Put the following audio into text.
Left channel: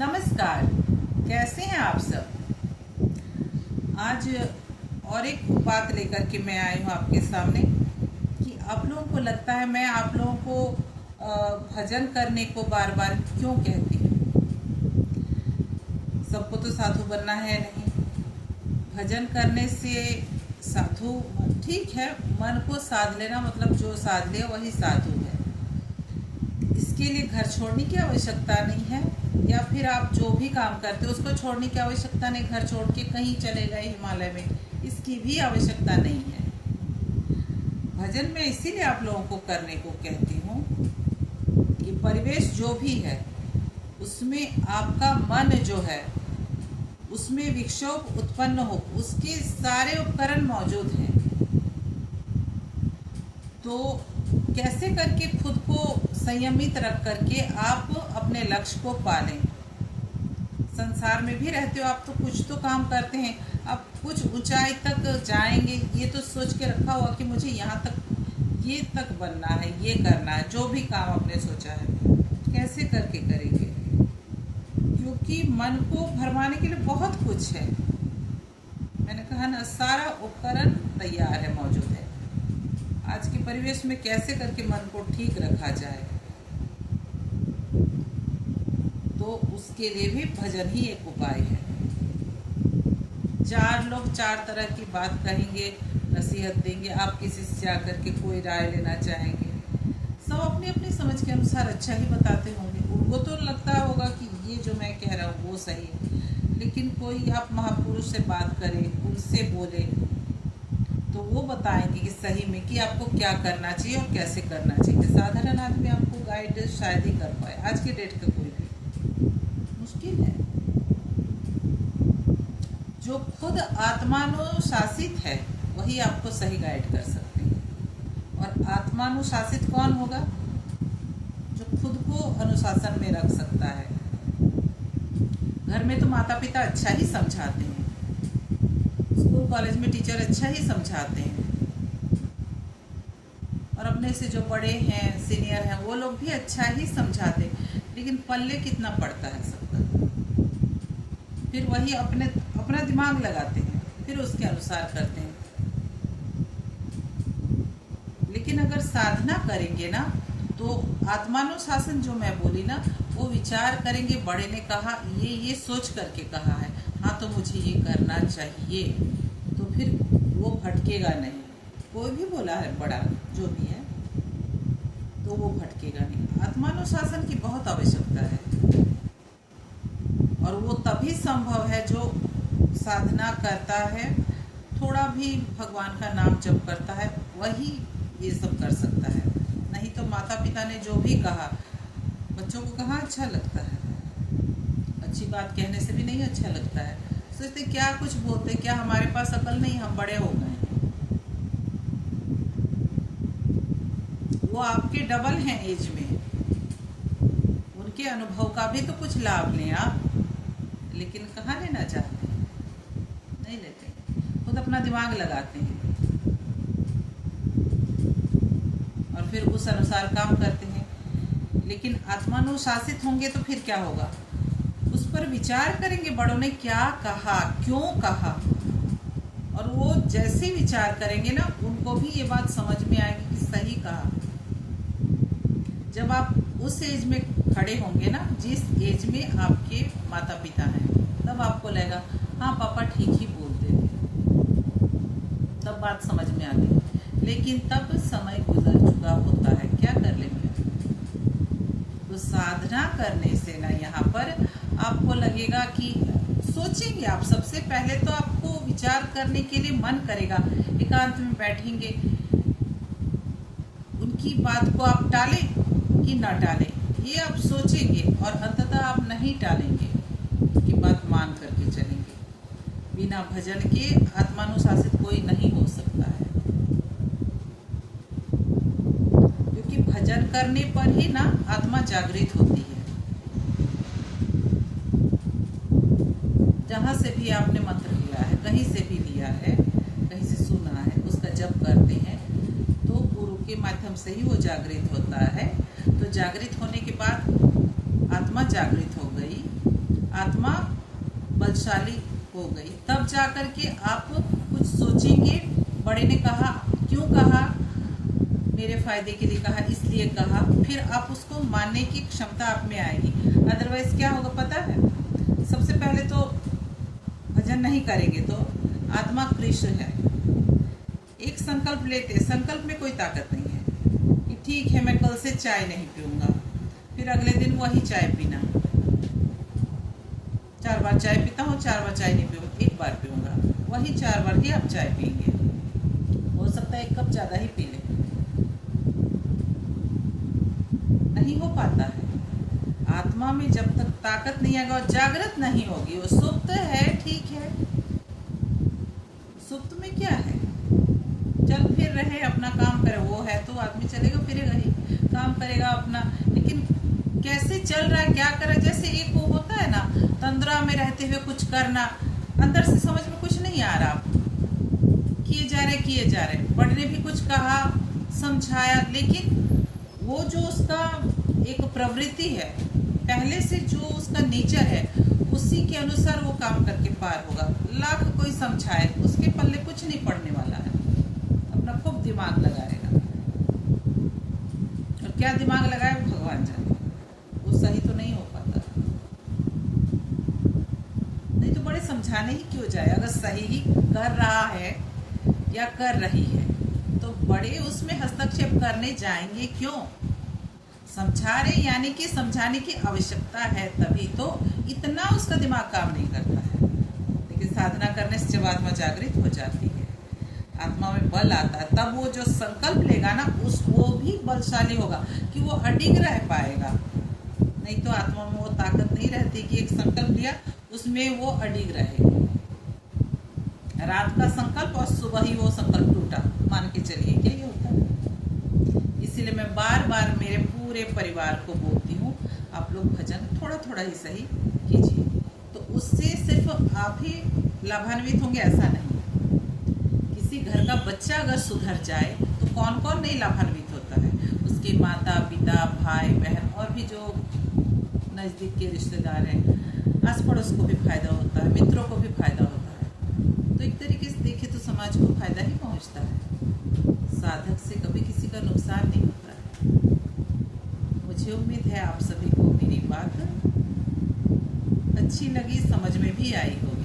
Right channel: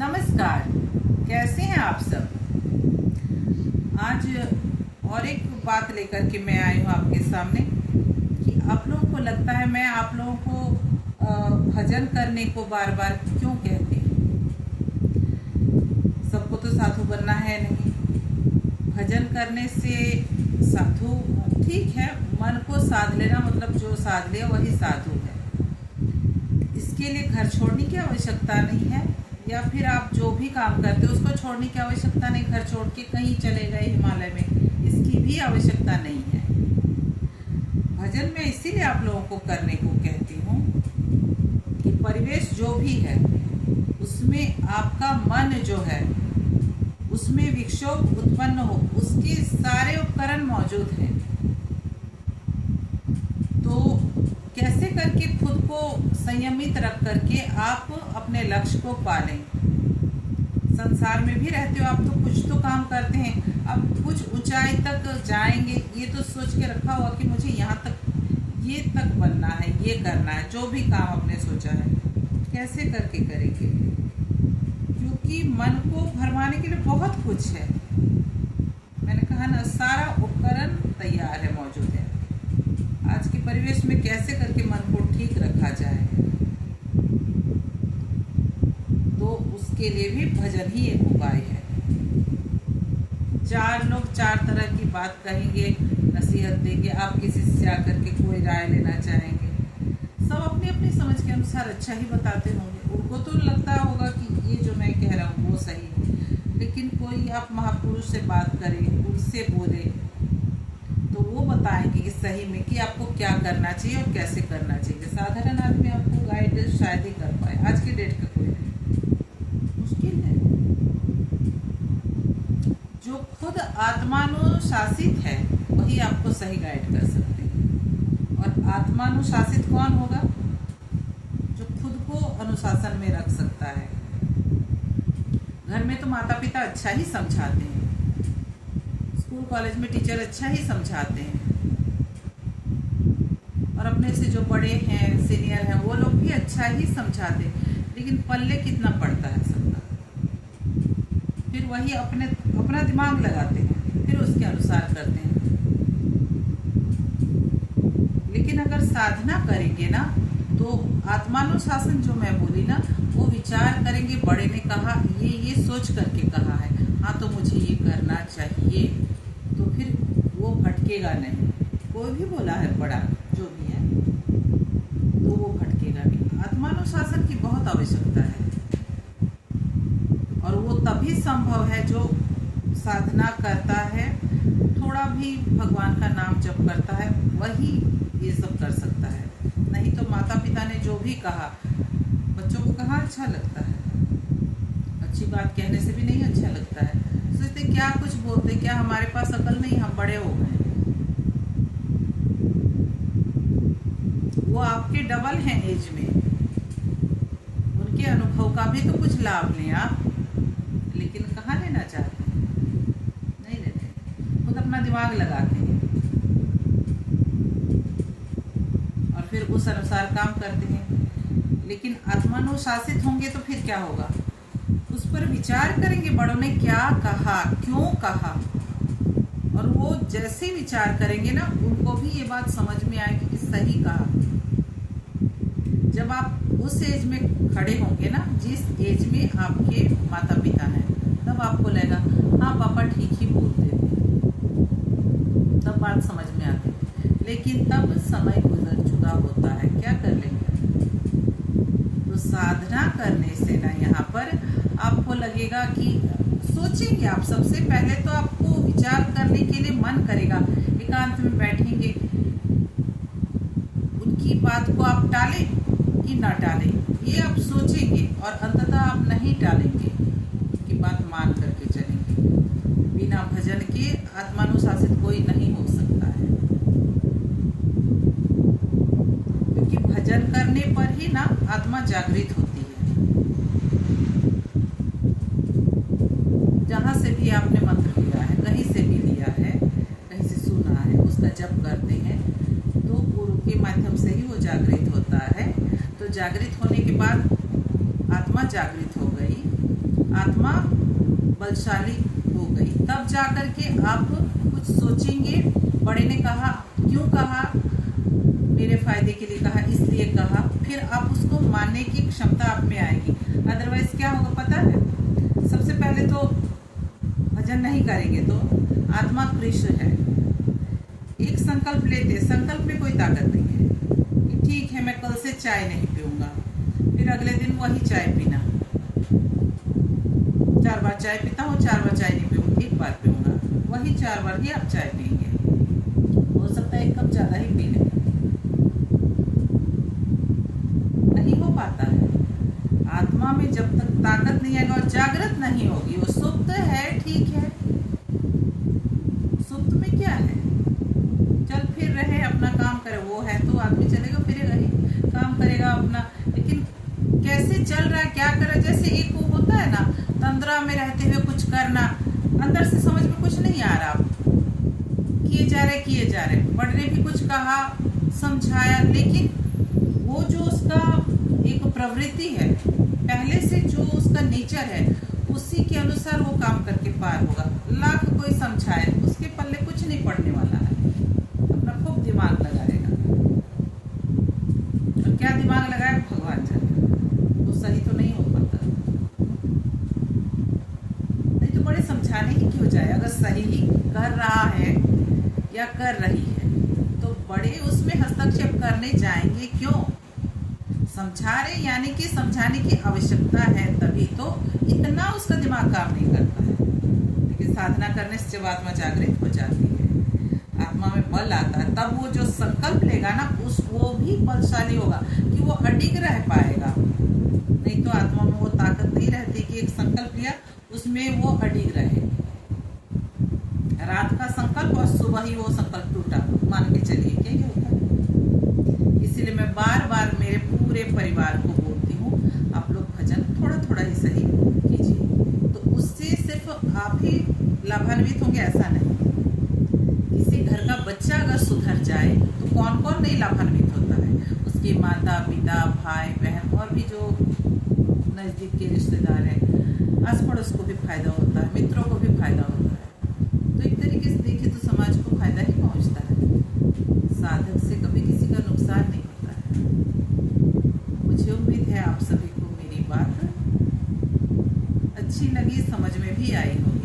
नमस्कार। कैसे हैं आप सब। आज और एक बात लेकर के मैं आई हूँ आपके सामने कि आप लोगों को लगता है मैं आप लोगों को भजन करने को बार बार क्यों कहती हूँ। सबको तो साधु बनना है नहीं। भजन करने से साधु ठीक है, मन को साध लेना, मतलब जो साध ले वही साधु है। इसके लिए घर छोड़ने की आवश्यकता नहीं है, या फिर आप जो भी काम करते हो उसको छोड़ने की आवश्यकता नहीं। घर छोड़ के कहीं चले गए हिमालय में, इसकी भी आवश्यकता नहीं है। भजन में इसीलिए आप लोगों को करने को कहती हूँ कि परिवेश जो भी है उसमें आपका मन जो है उसमें विक्षोभ उत्पन्न हो, उसके सारे उपकरण मौजूद हैं। तो कैसे करके खुद को संयमित रख करके आप अपने लक्ष्य को पालें। संसार में भी रहते हो आप, तो कुछ तो काम करते हैं। अब कुछ ऊंचाई तक जाएंगे ये तो सोच के रखा हुआ कि मुझे यहाँ तक, ये तक बनना है, ये करना है। जो भी काम आपने सोचा है कैसे करके करेंगे, क्योंकि मन को भरमाने के लिए बहुत कुछ है। मैंने कहा ना, सारा उपकरण तैयार है, मौजूद है। आज के परिवेश में कैसे करके मन को ठीक रखा जाए, तो उसके लिए भी भजन ही एक उपाय है। चार लोग चार तरह की बात कहेंगे, नसीहत देंगे, आप किसी से जाकर के कोई राय लेना चाहेंगे, सब अपनी अपनी समझ के अनुसार अच्छा ही बताते होंगे। उनको तो लगता होगा कि ये जो मैं कह रहा हूँ वो सही है, लेकिन कोई आप महापुरुष से बात करें, उनसे बोले, तो वो बताएंगे कि सही में कि आपको क्या करना चाहिए और कैसे करना चाहिए। साधारण आदमी आपको गाइड शायद ही कर पाए। आज की डेट का कोई नहीं, मुश्किल है। जो खुद आत्मानुशासित है वही आपको सही गाइड कर सकते हैं। और आत्मानुशासित कौन होगा? जो खुद को अनुशासन में रख सकता है। घर में तो माता पिता अच्छा ही समझाते हैं, स्कूल कॉलेज में टीचर अच्छा ही समझाते हैं, और अपने से जो बड़े हैं, सीनियर हैं, वो लोग भी अच्छा ही समझाते हैं, लेकिन पल्ले कितना पड़ता है सबका। फिर वही अपना दिमाग लगाते हैं, फिर उसके अनुसार करते हैं। लेकिन अगर साधना करेंगे ना, तो आत्मानुशासन जो मैं बोली ना, वो विचार करेंगे। बड़े ने कहा, ये सोच करके कहा है, हाँ तो मुझे ये करना चाहिए, तो फिर वो भटकेगा नहीं। कोई भी बोला है बड़ा जो भी है, तो वो भटकेगा नहीं। आत्मानुशासन की बहुत आवश्यकता है, और वो तभी संभव है जो साधना करता है, थोड़ा भी भगवान का नाम जप करता है, वही ये सब कर सकता है। नहीं तो माता पिता ने जो भी कहा, बच्चों को कहाँ अच्छा लगता है। अच्छी बात कहने से भी नहीं अच्छा लगता है। सोचते क्या कुछ बोलते, क्या हमारे पास अकल नहीं, हम बड़े हो गए। वो आपके डबल हैं एज में, उनके अनुभव का भी तो कुछ लाभ लें आप। लेकिन कहाँ लेना चाहते हैं, नहीं लेते, खुद अपना दिमाग लगाते हैं और फिर उस अनुसार काम करते हैं। लेकिन आत्मानुशासित होंगे तो फिर क्या होगा, उस पर विचार करेंगे, बड़ों ने क्या कहा, क्यों कहा, और वो जैसे विचार करेंगे ना, उनको भी ये बात समझ में आएगी कि सही कहा। जब आप उस एज में खड़े होंगे ना, जिस एज में आपके माता पिता हैं, तब आपको लगेगा हाँ पापा ठीक ही बोलते थे, तब बात समझ में आती है। लेकिन तब समय गुजर चुका होता है, क्या कर लेंगे। तो साधना करने से ना, यहाँ पर आपको लगेगा कि सोचेंगे आप। सबसे पहले तो आपको विचार करने के लिए मन करेगा, एकांत में बैठेंगे, उनकी बात को आप टालें कि ना टालें, ये आप सोचेंगे, और अंततः आप नहीं टालेंगे, उनकी बात मान करके चलेंगे। बिना भजन के आत्मानुशासित कोई नहीं हो सकता है, क्योंकि भजन करने पर ही ना आत्मा जागृत होती है। जहाँ से भी आपने मंत्र लिया है, कहीं से भी लिया है, कहीं से सुना है, उसका जप करते हैं, तो गुरु के माध्यम से ही वो जागृत होता है। तो जागृत होने के बाद आत्मा जागृत हो गई, आत्मा बलशाली हो गई। तब जाकर के आप कुछ सोचेंगे, बड़े ने कहा, क्यों कहा, मेरे फायदे के लिए कहा, इसलिए कहा, फिर आप उसको मानने की क्षमता आप में आएगी। अदरवाइज क्या होगा पता है, सबसे पहले तो भजन नहीं करेंगे तो आत्मा कृष्ण है। एक संकल्प लेते, संकल्प में कोई ताकत नहीं है कि ठीक है मैं कल से चाय नहीं पीऊंगा, फिर अगले दिन वही चाय पीना। 4 बार चाय पीता हूँ, 4 बार चाय नहीं पीऊंगा, 1 बार पीऊंगा, वही 4 बार ही आप चाय पियेंगे। हो सकता है 1 कप ज्यादा ही पी लें, नहीं हो पाता है। आत्मा में जब तक ताकत नहीं आएगा और जागृत नहीं होगी, वो सुप्त है, ठीक है, सुप्त में क्या है, चल फिर रहे, अपना काम करे, वो है तो आदमी चलेगा फिरेगा ही, काम करेगा अपना, लेकिन कैसे चल रहा है, क्या कर रहा है। जैसे एक वो होता है ना, तंद्रा में रहते हुए कुछ करना, अंदर से समझ में कुछ नहीं आ रहा, किए जा रहे, बड़े ने भी कुछ कहा, समझाया, लेकिन वो जो उसका एक प्रवृत्ति है, पहले से जो उसका नेचर है, उसी के अनुसार वो काम करके पार होगा। लाख कोई समझाए, उसके पल्ले कुछ नहीं पड़ने वाला है, अपना खूब दिमाग लगाएगा, और क्या दिमाग लगाए भगवान जाने, वो सही तो नहीं हो पाता। नहीं तो बड़े समझाने ही क्यों जाए, अगर सही ही कर रहा है या कर रही है तो बड़े उसमें हस्तक्षेप करने जाएंगे क्यों। समझा रहे यानी कि समझाने की आवश्यकता है, तभी तो इतना उसका दिमाग काम नहीं करता है। लेकिन साधना करने से जब आत्मा जागृत हो जाती है, आत्मा में बल आता है, तब वो जो संकल्प लेगा ना, वो भी बलशाली होगा कि वो अडिग रह पाएगा। नहीं तो आत्मा में वो ताकत नहीं रहती कि एक संकल्प लिया उसमें वो अडिग रहे। रात का संकल्प और सुबह ही वो संकल्प टूटा, मान के चलिए क्या ये होता है। इसीलिए मैं बार बार मेरे पूरे परिवार को बोलती हूँ, आप लोग भजन थोड़ा थोड़ा ही सही कीजिए, तो उससे सिर्फ आप ही लाभान्वित होंगे ऐसा नहीं। किसी घर का बच्चा अगर सुधर जाए तो कौन कौन नहीं लाभान्वित होता है, उसके माता पिता भाई बहन और भी जो नज़दीक के रिश्तेदार हैं, आस पड़ोस को भी फायदा होता है, मित्रों को भी फायदा होता है। तो एक तरीके से देखें तो समाज को फायदा ही पहुंचता है, साधक से कभी किसी का नुकसान नहीं होता है। मुझे उम्मीद है आप सभी को मेरी बात अच्छी लगी, समझ में भी आई होगी।